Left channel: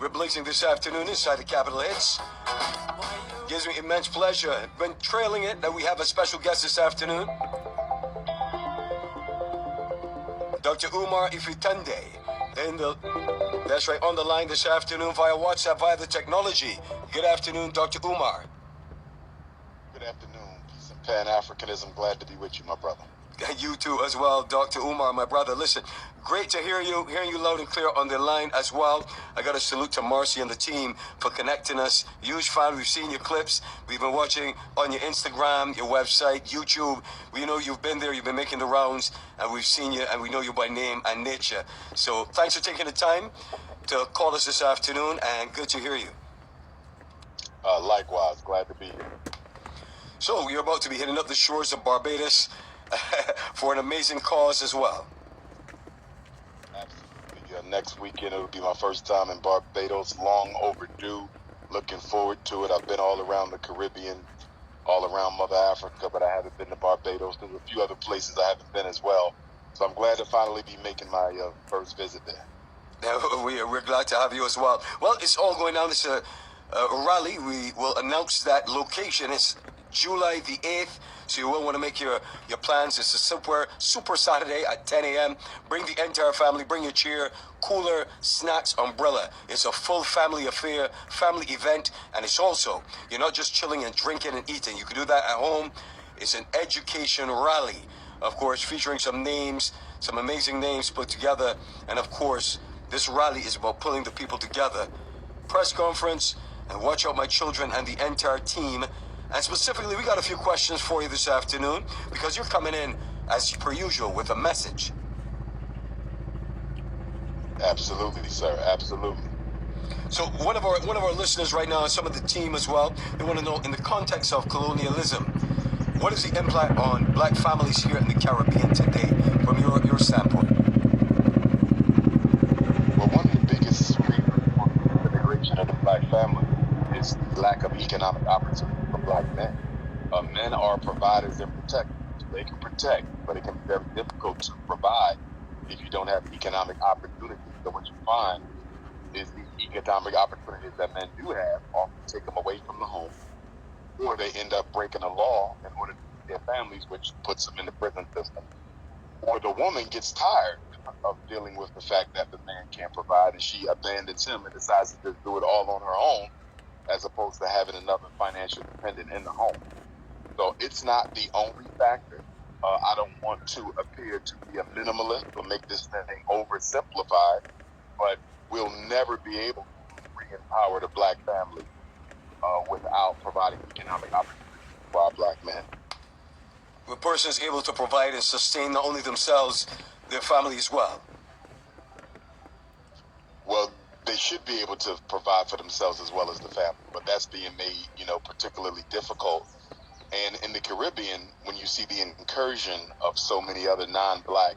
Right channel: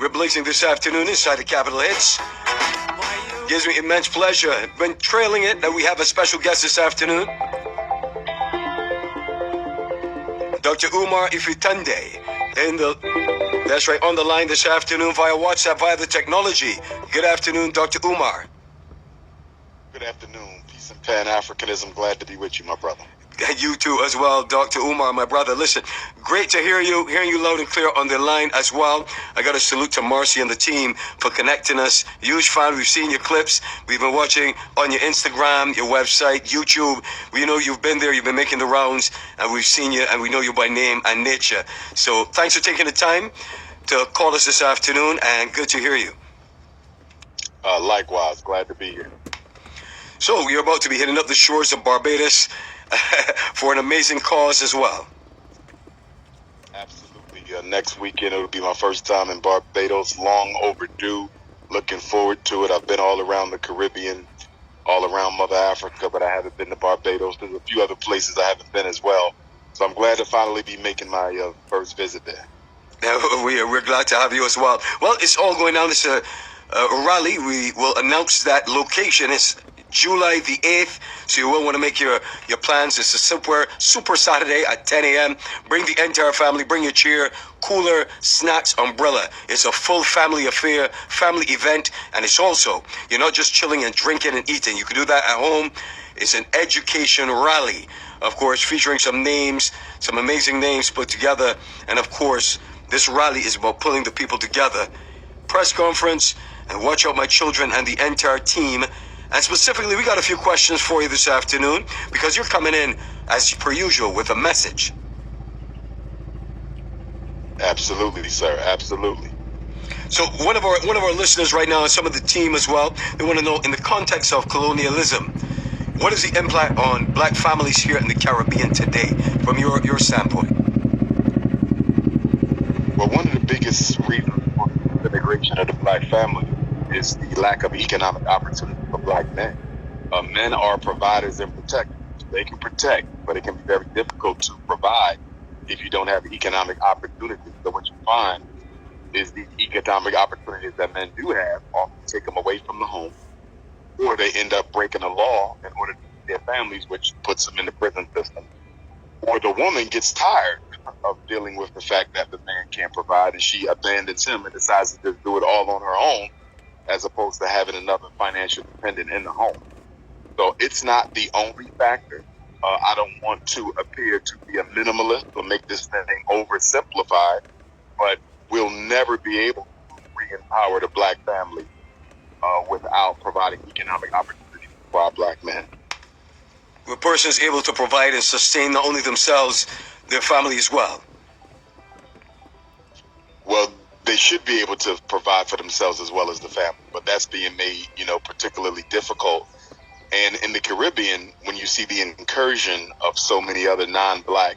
We're blazing this afternoon inside the Capital Hits. Gives me immense pleasure. Been trailing it that we have a special guest this afternoon. Dr. Umar Ifitande. That's right, on the line this afternoon via WhatsApp, via the technology. Good afternoon, Dr. Umar. Good afternoon. Peace and Pan-Africanism. Glad to be with you, my brother. You too as well, Dr. Umar, my brother. Listen, great to hearing you loud and clear on the line as well. I got to salute to Marcy and the team for connecting us. Huge fan. We've seen your clips. We've been watching on your Instagram, your website, YouTube. We know you've been there. You've been making the rounds, and we've seen you, and we know you by name and nature. So thanks for taking the time to call us this afternoon, and good to hear you. Likewise. Glad to be here. So you're about to be hitting up the shores of Barbados for an amazing cause as well. Absolutely. Next weekend, it'll be my first time in Barbados. Long overdue. Looking forward to it. I've been all around the Caribbean, all around Mother Africa, but I haven't been to Barbados. There's a few other places I haven't been as well. So I'm glad to finally be making my first visit there. We're glad to have you as well. Well, it's all going down. It's a rally. We will announce that location. It's July the 8th, so you will want to make your plans. It's a super Saturday at 10 a.m. Bring the entire family, bring your chair, cooler, snacks, umbrella. It's a full family affair, family event, and it's also, you're not just chilling and drinking and eating. You can do that at home. It's an education rally, of course, featuring some names, some amazing names put together, and of course, this rally is about pulling the people together. Press conference, and watch out, my children and the entire team. And specifically, we got a few questions for you this afternoon because you're coming in, as per usual, with a message. Absolutely, sir. Absolutely. So one of our listeners right now, and some of the team as well, they want to know, in the context of colonialism, what is the impact on black families here in the Caribbean today, from your standpoint? Well, one of the biggest reasons for the immigration of the black family is the lack of economic opportunity for black men. Men are providers and protectors. They can protect, but it can be very difficult to provide if you don't have economic opportunities. So what you find is the economic opportunities that men do have often take them away from the home, or they end up breaking the law in order to feed their families, which puts them in the prison system. Or the woman gets tired of dealing with the fact that the man can't provide, and she abandons him and decides to just do it all on her own, as opposed to having another financial dependent in the home. So it's not the only factor. I don't want to appear to be a minimalist or make this thing oversimplified, but we'll never be able to re-empower the black family without providing economic opportunities for our black men. The person is able to provide and sustain not only themselves, their family as well. Well, they should be able to provide for themselves as well as the family, but that's being made, particularly difficult. And in the Caribbean, when you see the incursion of so many other non-black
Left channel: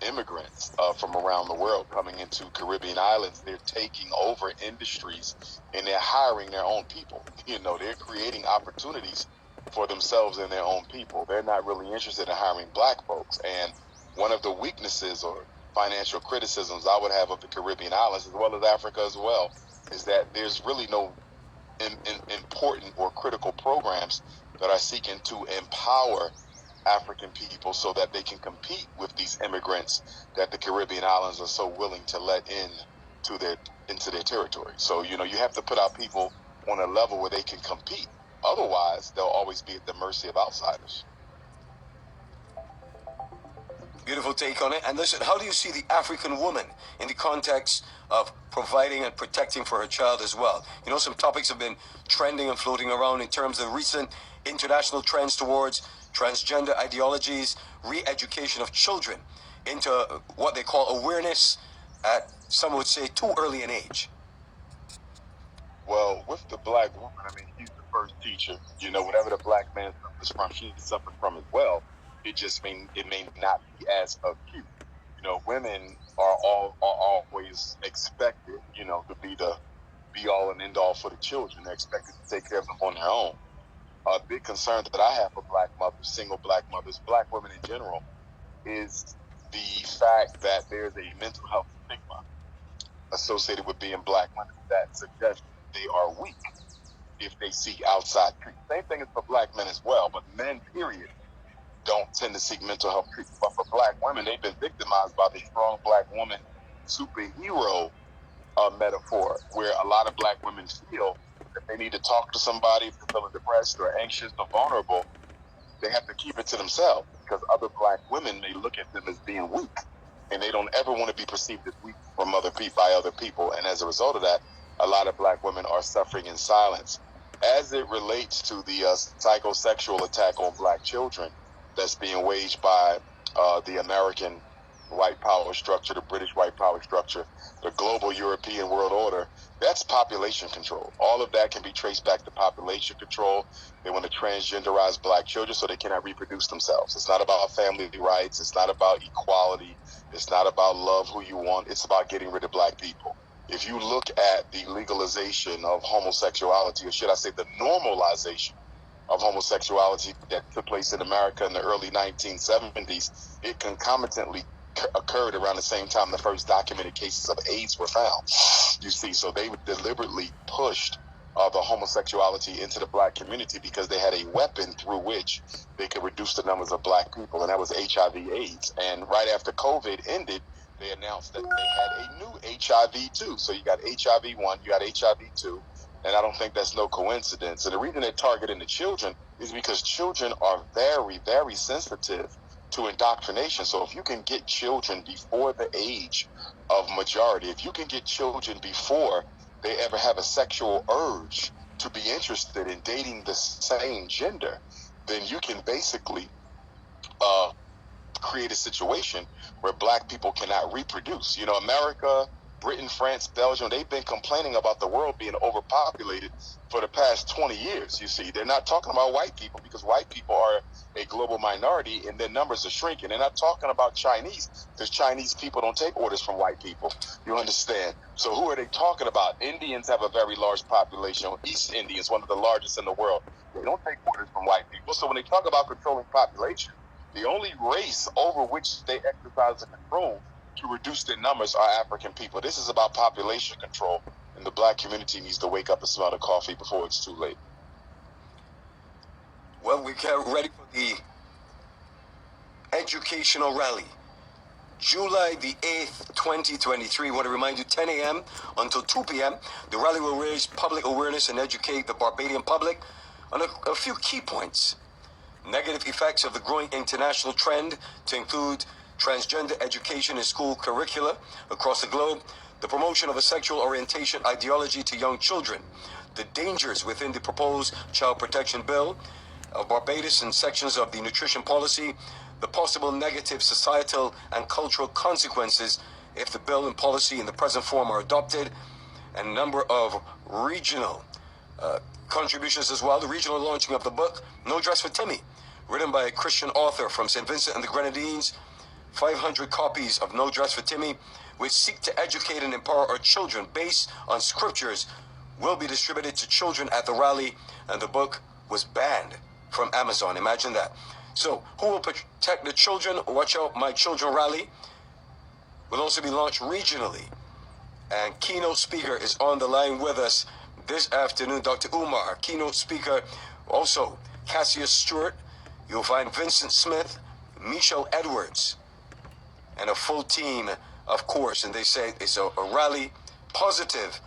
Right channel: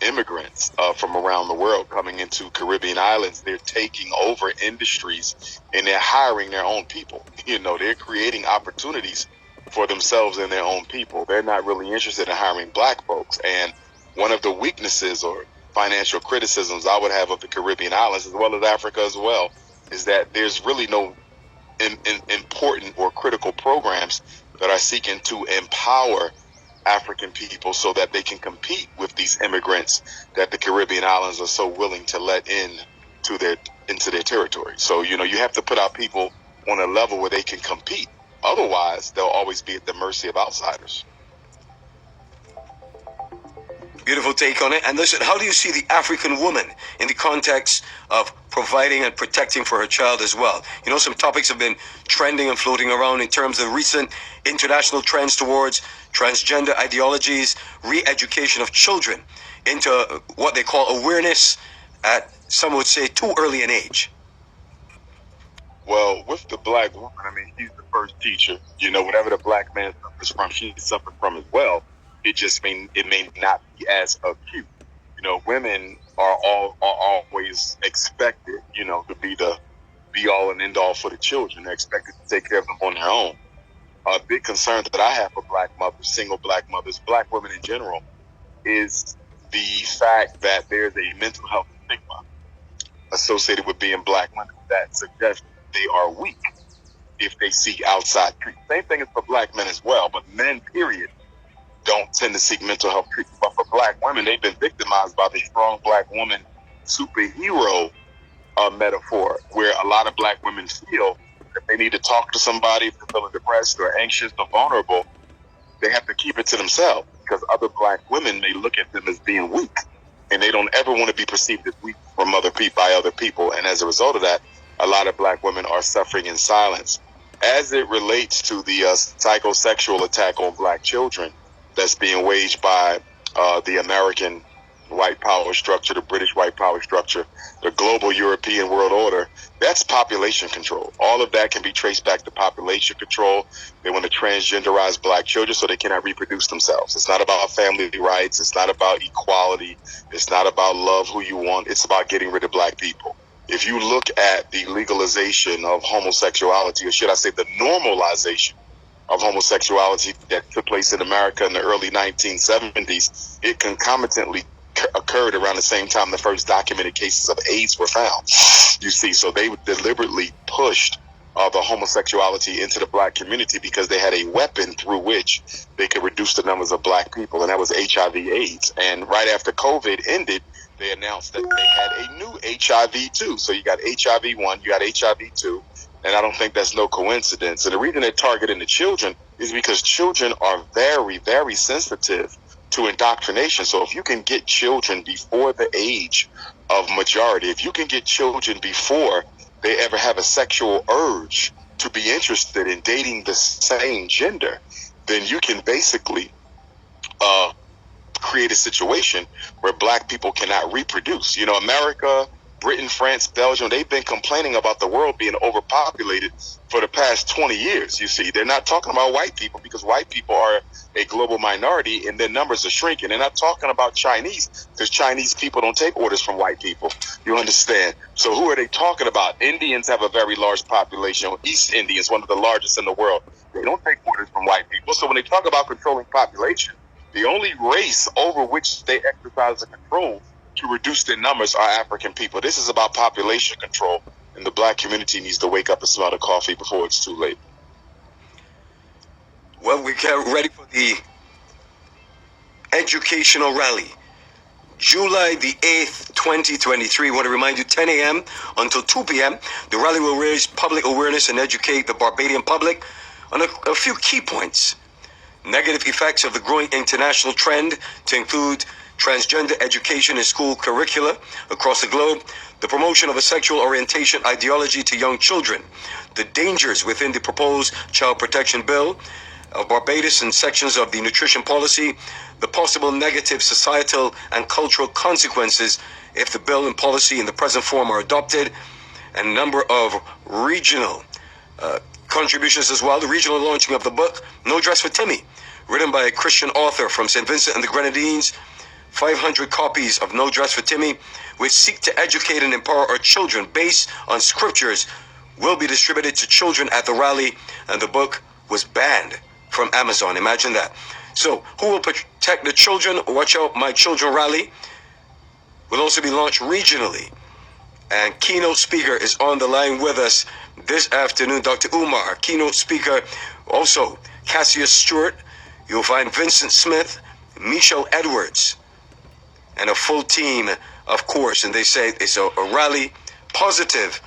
immigrants from around the world coming into Caribbean islands, they're taking over industries and they're hiring their own people. They're creating opportunities for themselves and their own people. They're not really interested in hiring black folks. And one of the weaknesses or financial criticisms I would have of the Caribbean islands, as well as Africa as well, is that there's really no important or critical programs that are seeking to empower African people so that they can compete with these immigrants that the Caribbean islands are so willing to let into their territory. So, you have to put our people on a level where they can compete. Otherwise, they'll always be at the mercy of outsiders. Beautiful take on it. And listen, how do you see the African woman in the context of providing and protecting for her child as well? Some topics have been trending and floating around in terms of recent international trends towards transgender ideologies, re-education of children into what they call awareness at, some would say, too early an age. Well, with the black woman, she's the first teacher. Whatever the black man suffers from, she suffers from as well. It may not be as acute. Women are always expected, to be the be all and end all for the children. They're expected to take care of them on their own. A big concern that I have for black mothers, single black mothers, black women in general, is the fact that there's a mental health stigma associated with being black women that suggest they are weak if they seek outside treatment. Same thing is for black men as well, but men, period, don't tend to seek mental health treatment. But for black women, they've been victimized by the strong black woman superhero metaphor, where a lot of black women feel that they need to talk to somebody if they're feeling depressed or anxious or vulnerable. They have to keep it to themselves because other black women may look at them as being weak, and they don't ever want to be perceived as weak from by other people. And as a result of that, a lot of black women are suffering in silence. As it relates to the psychosexual attack on black children that's being waged by the American white power structure, the British white power structure, the global European world order, that's population control. All of that can be traced back to population control. They want to transgenderize black children so they cannot reproduce themselves. It's not about family rights. It's not about equality. It's not about love who you want. It's about getting rid of black people. If you look at the legalization of homosexuality, or should I say the normalization of homosexuality that took place in America in the early 1970s, it concomitantly occurred around the same time the first documented cases of AIDS were found. You see, so they deliberately pushed the homosexuality into the black community because they had a weapon through which they could reduce the numbers of black people, and that was HIV/AIDS. And right after COVID ended, they announced that they had a new HIV too. So you got HIV-1, you got HIV-2, and I don't think that's no coincidence. And the reason they're targeting the children is because children are very, very sensitive to indoctrination. So if you can get children before the age of majority, if you can get children before they ever have a sexual urge to be interested in dating the same gender, then you can basically create a situation where black people cannot reproduce. You know, America, Britain, France, Belgium, they've been complaining about the world being overpopulated for the past 20 years. You see, they're not talking about white people because white people are a global minority and their numbers are shrinking. They're not talking about Chinese because Chinese people don't take orders from white people. You understand? So who are they talking about? Indians have a very large population. East Indians, one of the largest in the world. They don't take orders from white people. So when they talk about controlling population, the only race over which they exercise the control to reduce their numbers are African people. This is about population control, and the black community needs to wake up and smell the coffee before it's too late. Well, we get ready for the educational rally. July the 8th, 2023. I want to remind you, 10 a.m. until 2 p.m. The rally will raise public awareness and educate the Barbadian public on a few key points. Negative effects of the growing international trend to include transgender education in school curricula across the globe, the promotion of a sexual orientation ideology to young children, the dangers within the proposed child protection bill of Barbados and sections of the nutrition policy, the possible negative societal and cultural consequences if the bill and policy in the present form are adopted, and a number of regional contributions as well. The regional launching of the book, No Dress for Timmy, written by a Christian author from St. Vincent and the Grenadines, 500 copies of No Dress for Timmy, which seek to educate and empower our children based on scriptures, will be distributed to children at the rally, and the book was banned from Amazon. Imagine that. So, who will protect the children? Watch Out My Children rally will also be launched regionally, and keynote speaker is on the line with us this afternoon, Dr. Umar, keynote speaker. Also, Cassius Stewart. You'll find Vincent Smith, Michelle Edwards, and a full team, of course. And they say it's a rally, positive,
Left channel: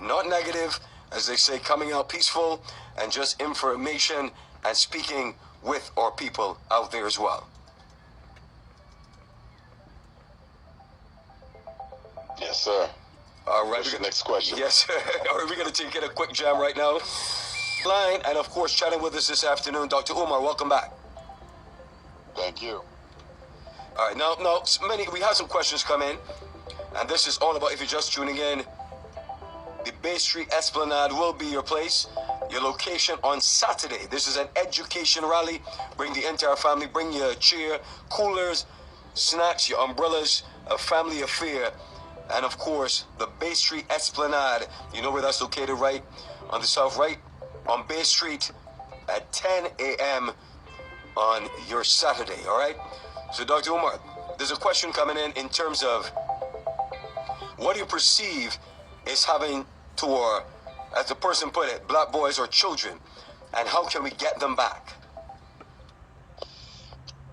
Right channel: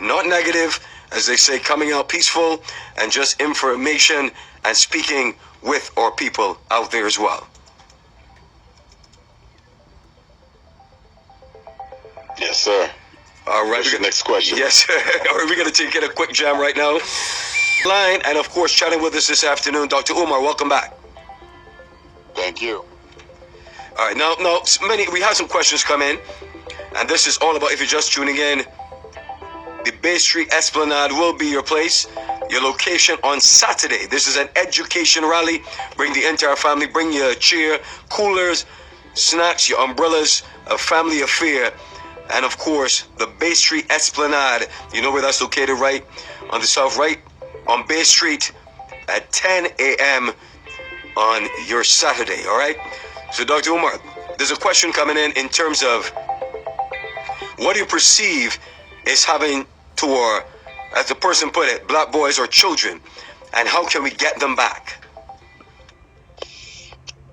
not negative, as they say, coming out peaceful and just information and speaking with our people out there as well. Yes, sir. All right. What's your next question? Yes. All right, we're going to take a quick jam right now. Line, and of course, chatting with us this afternoon, Dr. Umar, welcome back. Thank you. All right, now, we have some questions come in, and this is all about, if you're just tuning in, the Bay Street Esplanade will be your place, your location on Saturday. This is an education rally. Bring the entire family, bring your chair, coolers, snacks, your umbrellas, a family affair, and of course, the Bay Street Esplanade. You know where that's located, right? On the south, right? On Bay Street at 10 a.m. on your Saturday, all right? So, Dr. Umar, there's a question coming in terms of what do you perceive is having to, or as the person put it, black boys or children, and how can we get them back?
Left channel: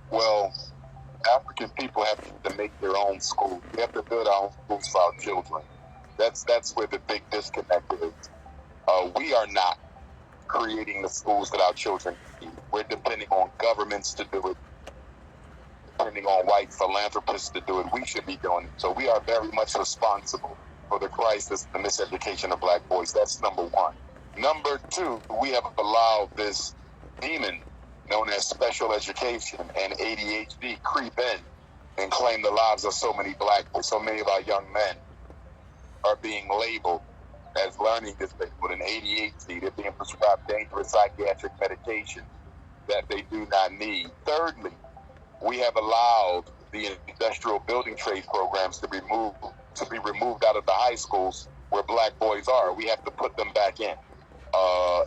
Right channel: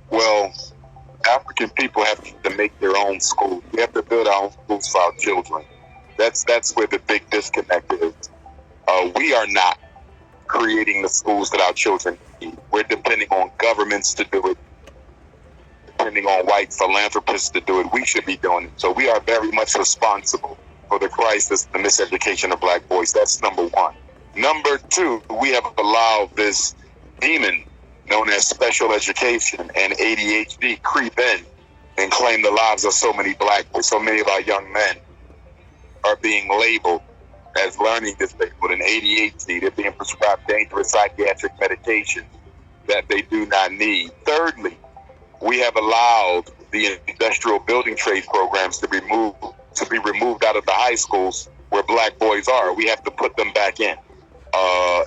Well, African people have to make their own schools. We have to build our own schools for our children. That's where the big disconnect is. We are not creating the schools that our children need. We're depending on governments to do it, depending on white philanthropists to do it. We should be doing it. So we are very much responsible for the crisis, the miseducation of black boys. That's number one. Number two, we have allowed this demon known as special education and ADHD creep in and claim the lives of so many black boys. So many of our young men are being labeled as learning disabled and ADHD. They're being prescribed dangerous psychiatric medication that they do not need. Thirdly, we have allowed the industrial building trades programs to be removed out of the high schools where black boys are. We have to put them back in.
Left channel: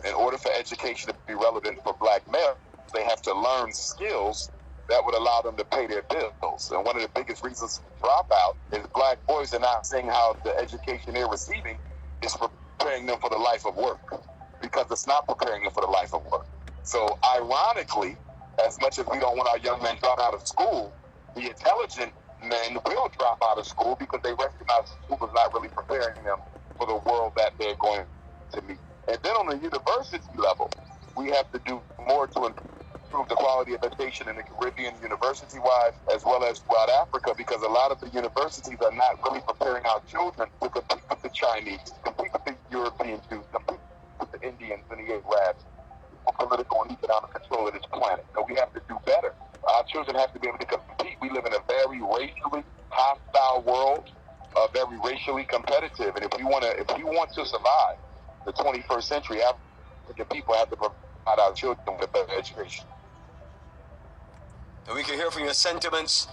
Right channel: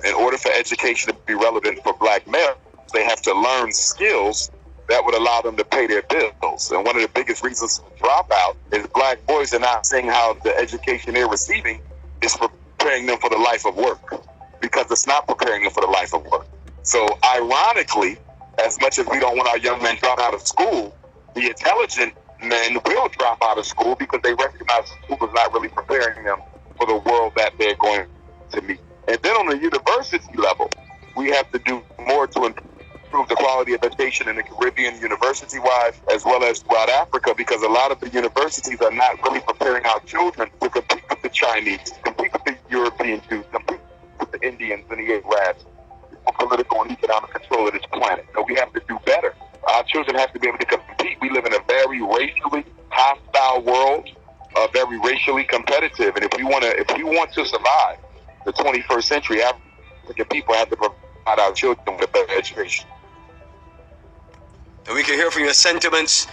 In order for education to be relevant for black males, they have to learn skills that would allow them to pay their bills. And one of the biggest reasons for dropout is black boys are not seeing how the education they're receiving is preparing them for the life of work, because it's not preparing them for the life of work. So ironically, as much as we don't want our young men dropping out of school, the intelligent men will drop out of school because they recognize school is not really preparing them for the world that they're going to meet. And then on the university level, we have to do more to improve the quality of education in the Caribbean university-wise, as well as throughout Africa, because a lot of the universities are not really preparing our children to compete with the Chinese, compete with the European Jews, compete with the Indians and the Arabs, for political and economic control of this planet. So we have to do better. Our children have to be able to compete. We live in a very racially hostile world, very racially competitive, and if we want to survive the 21st century, African people have to provide our children with a better education. And we can hear from your sentiments.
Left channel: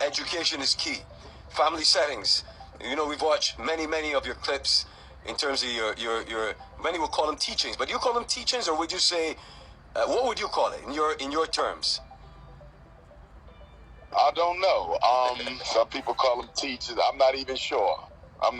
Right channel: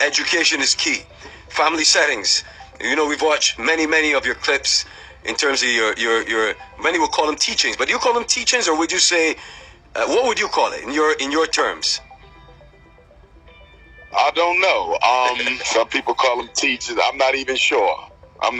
Education is key. Family settings. You know, we've watched many of your clips in terms of your many will call them teachings, but do you call them teachings, or would you say, what would you call it in your terms? I don't know. Some people call them teachers. I'm not even sure. I'm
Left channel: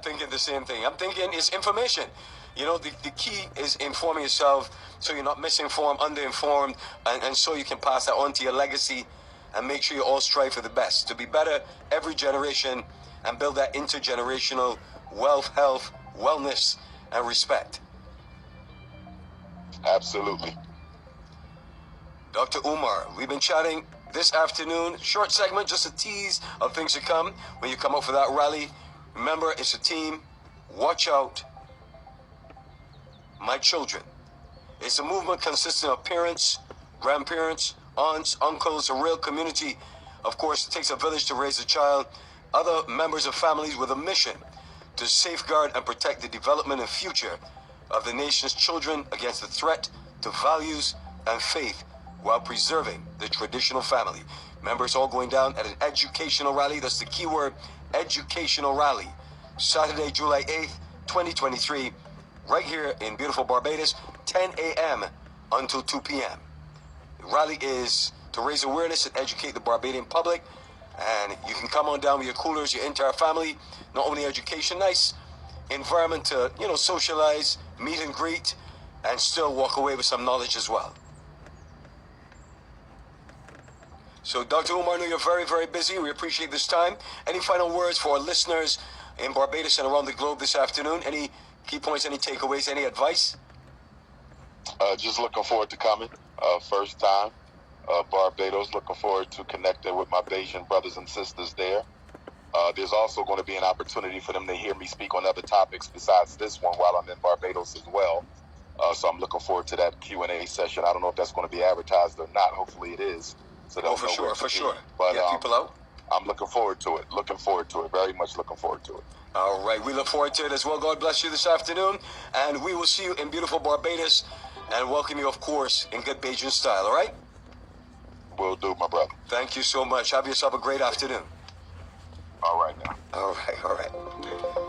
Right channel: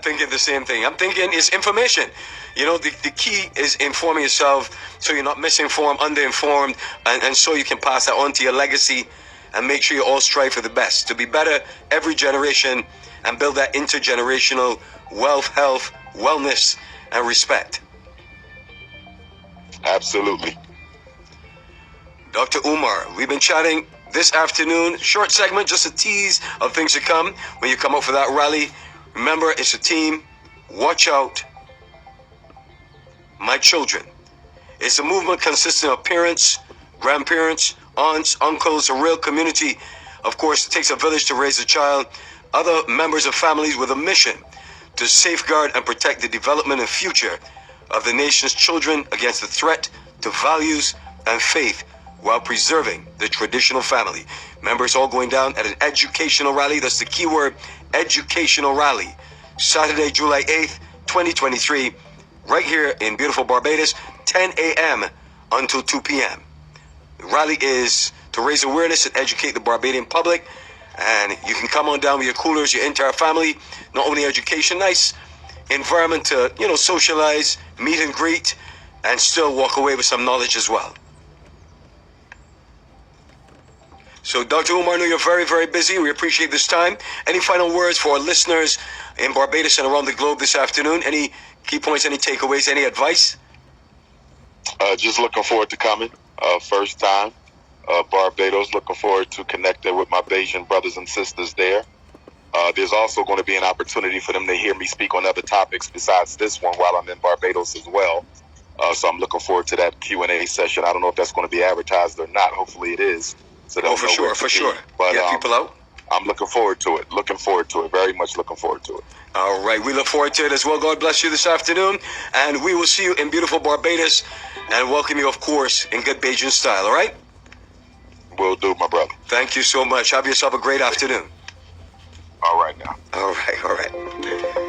thinking the same thing. I'm thinking it's information. You know, the key is informing yourself so you're not misinformed, underinformed, and so you can pass that on to your legacy and make sure you all strive for the best, to be better every generation and build that intergenerational wealth, health, wellness, and respect. Absolutely. Dr. Umar, we've been chatting this afternoon. Short segment, just a tease of things to come when you come up for that rally. Remember, it's a team. Watch out. My children. It's a movement consisting of parents, grandparents, aunts, uncles, a real community. Of course, it takes a village to raise a child. Other members of families with a mission to safeguard and protect the development and future of the nation's children against the threat to values and faith while preserving the traditional family. Members all going down at an educational rally. That's the key word, educational rally. Saturday, July 8th, 2023, right here in beautiful Barbados, 10 a.m. until 2 p.m. The rally is to raise awareness and educate the Barbadian public. And you can come on down with your coolers, your entire family. Not only education, nice environment to, socialize, meet and greet, and still walk away with some knowledge as well. So, Dr. Umar, I know you're very, very busy. We appreciate this time. Any final words for our listeners in Barbados and around the globe this afternoon? Any key points, any takeaways, any advice? Just looking forward to coming. First time. Barbados, looking forward to connecting with my Bayesian brothers and sisters there. There's also going to be an opportunity for them to hear me speak on other topics besides this one while I'm in Barbados as well. So I'm looking forward to that Q&A session. I don't know if that's going to be advertised or not. Hopefully it is. So for sure. But, get people out. I'm looking forward to it. Very much looking forward to it. All right. We look forward to it as well. God bless you this afternoon. And we will see you in beautiful Barbados and welcome you, of course, in good Bajan style. All right? Will do, my brother. Thank you so much. Have yourself a great afternoon. All right now. All right.